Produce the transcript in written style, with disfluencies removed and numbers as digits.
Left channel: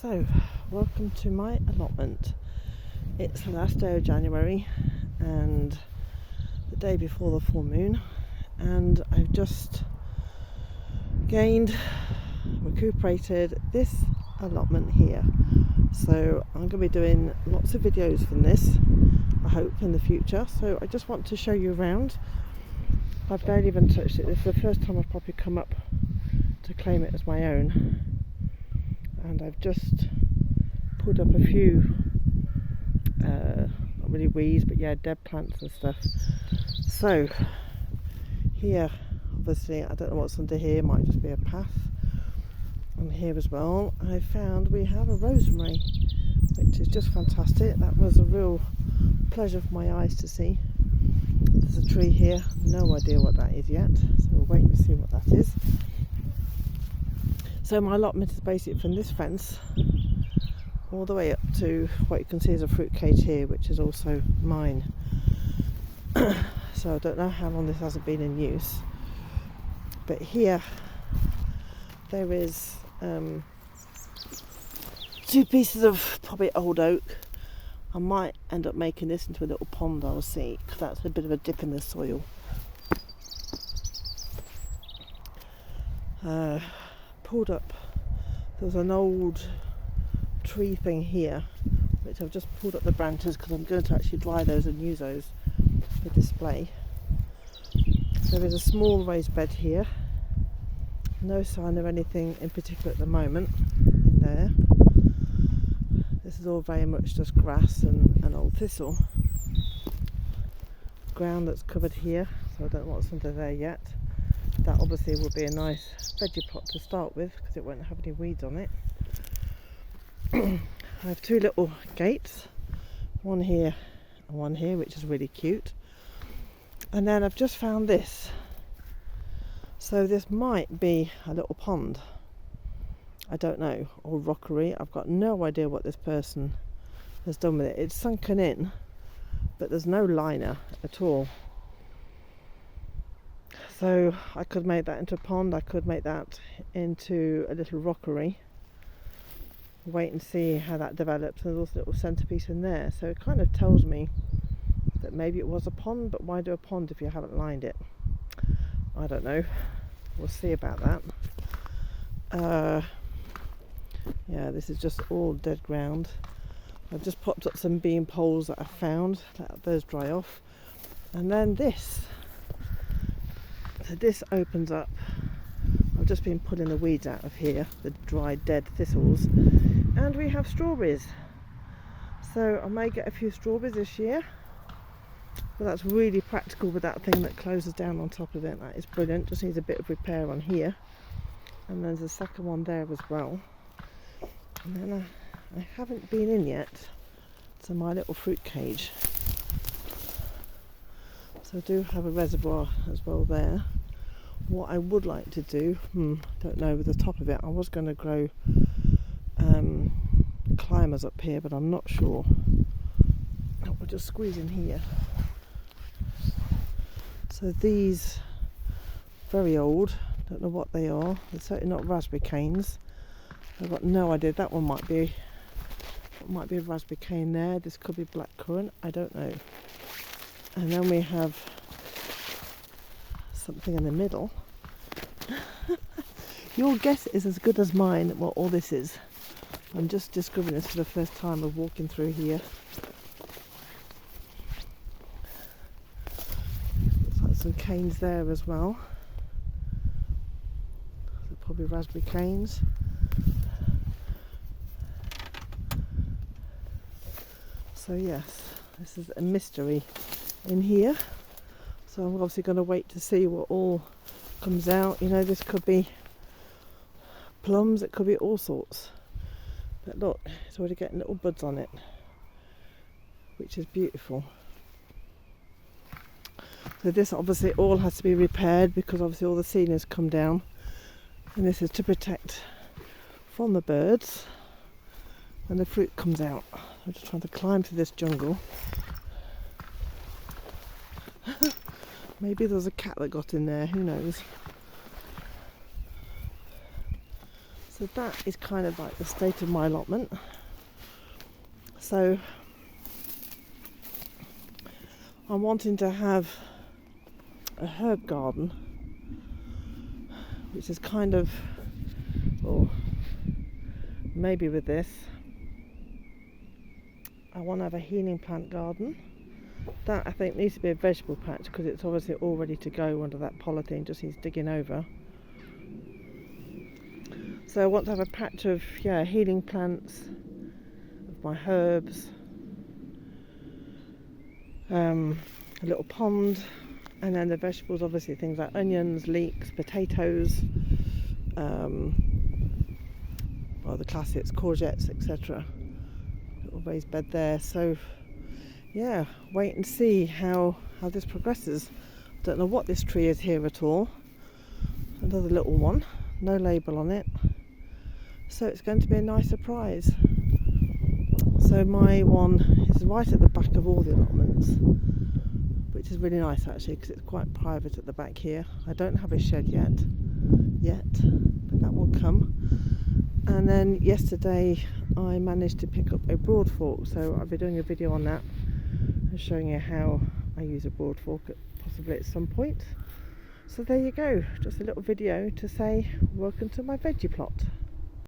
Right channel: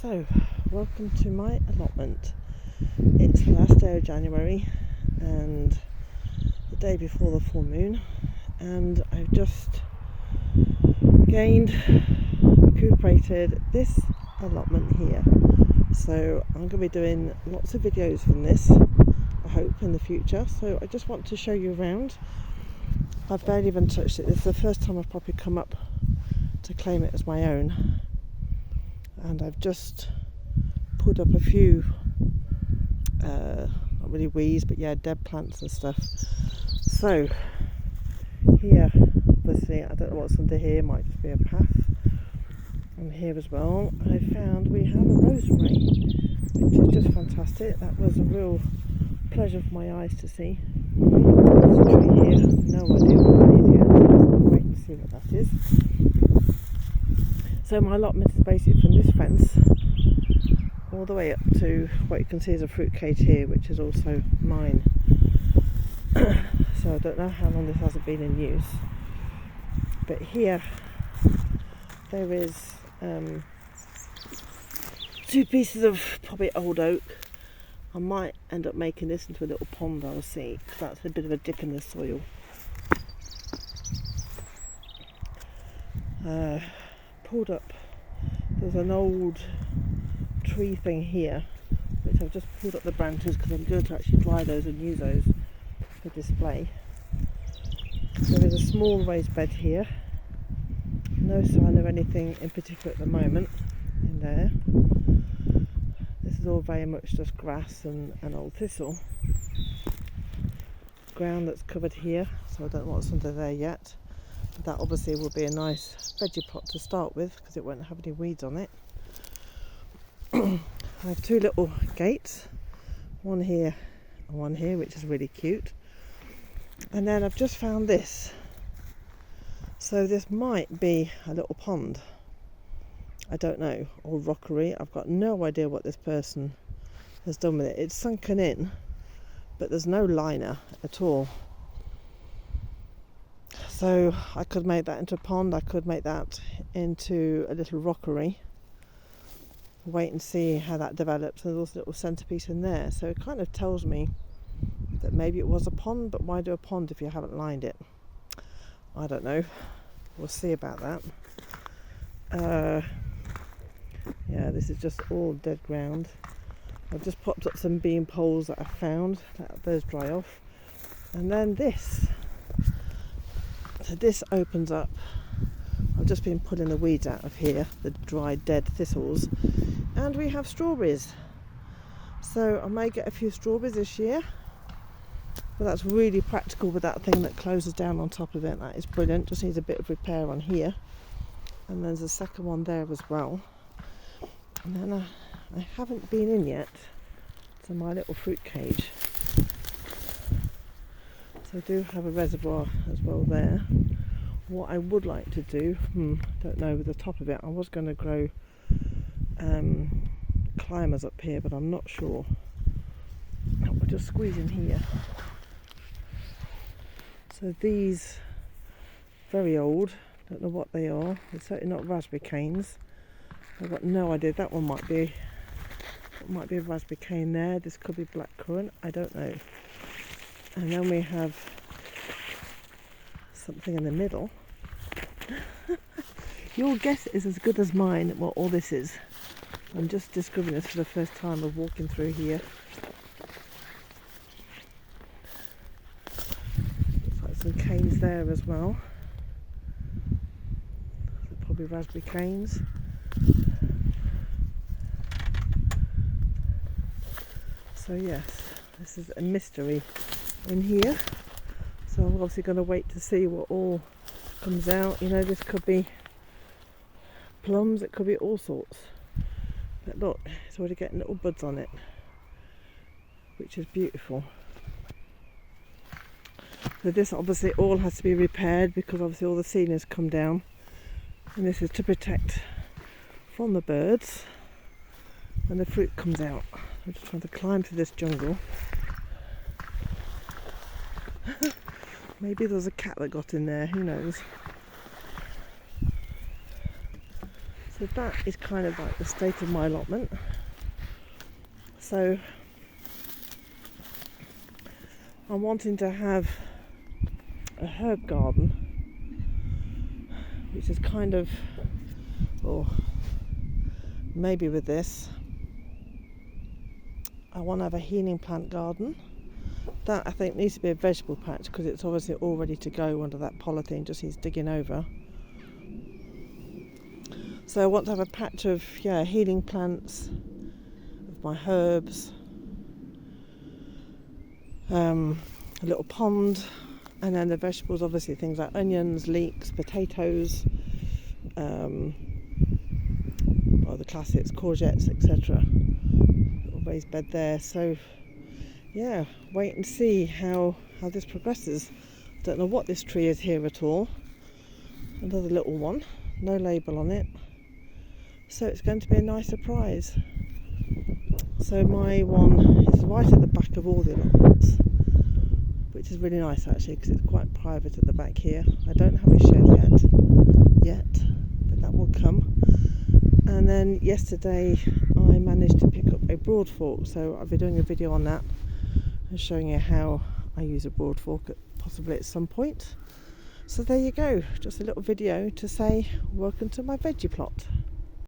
So, welcome to my allotment. It's the last day of January and the day before the full moon, and I've just recuperated this allotment here. So I'm going to be doing lots of videos from this, I hope, in the future. So I just want to show you around. I've barely even touched it. This is the first time I've probably come up to claim it as my own. And I've just put up a few, not really weeds, but yeah, dead plants and stuff. So here, obviously, I don't know what's under here, might just be a path. And here as well, I found we have a rosemary, which is just fantastic. That was a real pleasure for my eyes to see. There's a tree here, no idea what that is yet, so I'll wait and see what that is. So my allotment is basically from this fence all the way up to what you can see is a fruit cage here, which is also mine. So I don't know how long this hasn't been in use, but here there is two pieces of probably old oak. I might end up making this into a little pond, I'll see, because that's a bit of a dip in the soil. Pulled up, there's an old tree thing here, which I've just pulled up the branches because I'm going to actually dry those and use those for display. There is a small raised bed here, no sign of anything in particular at the moment in there. This is all very much just grass and old thistle. Ground that's covered here, so I don't know what's under there yet. That obviously will be a nice veggie pot to start with because it won't have any weeds on it. I have two little gates, one here and one here, which is really cute. And then I've just found this. So this might be a little pond, I don't know, or rockery. I've got no idea what this person has done with it. It's sunken in, but there's no liner at all. So I could make that into a pond, I could make that into a little rockery. Wait and see how that develops. There's also a little centrepiece in there, so it kind of tells me that maybe it was a pond, but why do a pond if you haven't lined it? I don't know, we'll see about that. Yeah, this is just all dead ground. I've just popped up some bean poles that I found, let those dry off. And then this. So this opens up. I've just been pulling the weeds out of here, the dried dead thistles, and we have strawberries. So I may get a few strawberries this year, but that's really practical with that thing that closes down on top of it. That is brilliant. Just needs a bit of repair on here, and there's a second one there as well. And then I haven't been in yet to my little fruit cage. So I do have a reservoir as well there. What I would like to do, don't know, with the top of it, I was going to grow climbers up here, but I'm not sure. We'll just squeeze in here. So these, very old, don't know what they are. They're certainly not raspberry canes. I've got no idea. That one might be a raspberry cane there. This could be blackcurrant, I don't know. And then we have something in the middle. Your guess is as good as mine what all this is. I'm just discovering this for the first time of walking through here. Looks like some canes there as well. They're probably raspberry canes. So yes, this is a mystery in here. So I'm obviously going to wait to see what all comes out. You know, this could be plums, it could be all sorts. But look, it's already getting little buds on it, which is beautiful. So this obviously all has to be repaired because obviously all the ceiling has come down. And this is to protect from the birds when the fruit comes out. I'm just trying to climb through this jungle. Maybe there was a cat that got in there, who knows. So that is kind of like the state of my allotment. So I'm wanting to have a herb garden, which is kind of, or maybe with this, I want to have a healing plant garden. That I think needs to be a vegetable patch because it's obviously all ready to go under that polythene, just needs digging over. So I want to have a patch of healing plants, of my herbs, a little pond, and then the vegetables, obviously things like onions, leeks, potatoes, well, the classics, courgettes, etc. Little raised bed there. So yeah, wait and see how this progresses. Don't know what this tree is here at all. Another little one, no label on it. So it's going to be a nice surprise. So my one is right at the back of all the allotments, which is really nice actually because it's quite private at the back here. I don't have a shed yet, but that will come. And then yesterday I managed to pick up a broad fork, so I'll be doing a video on that and showing you how I use a broad fork possibly at some point. So there you go, just a little video to say welcome to my veggie plot.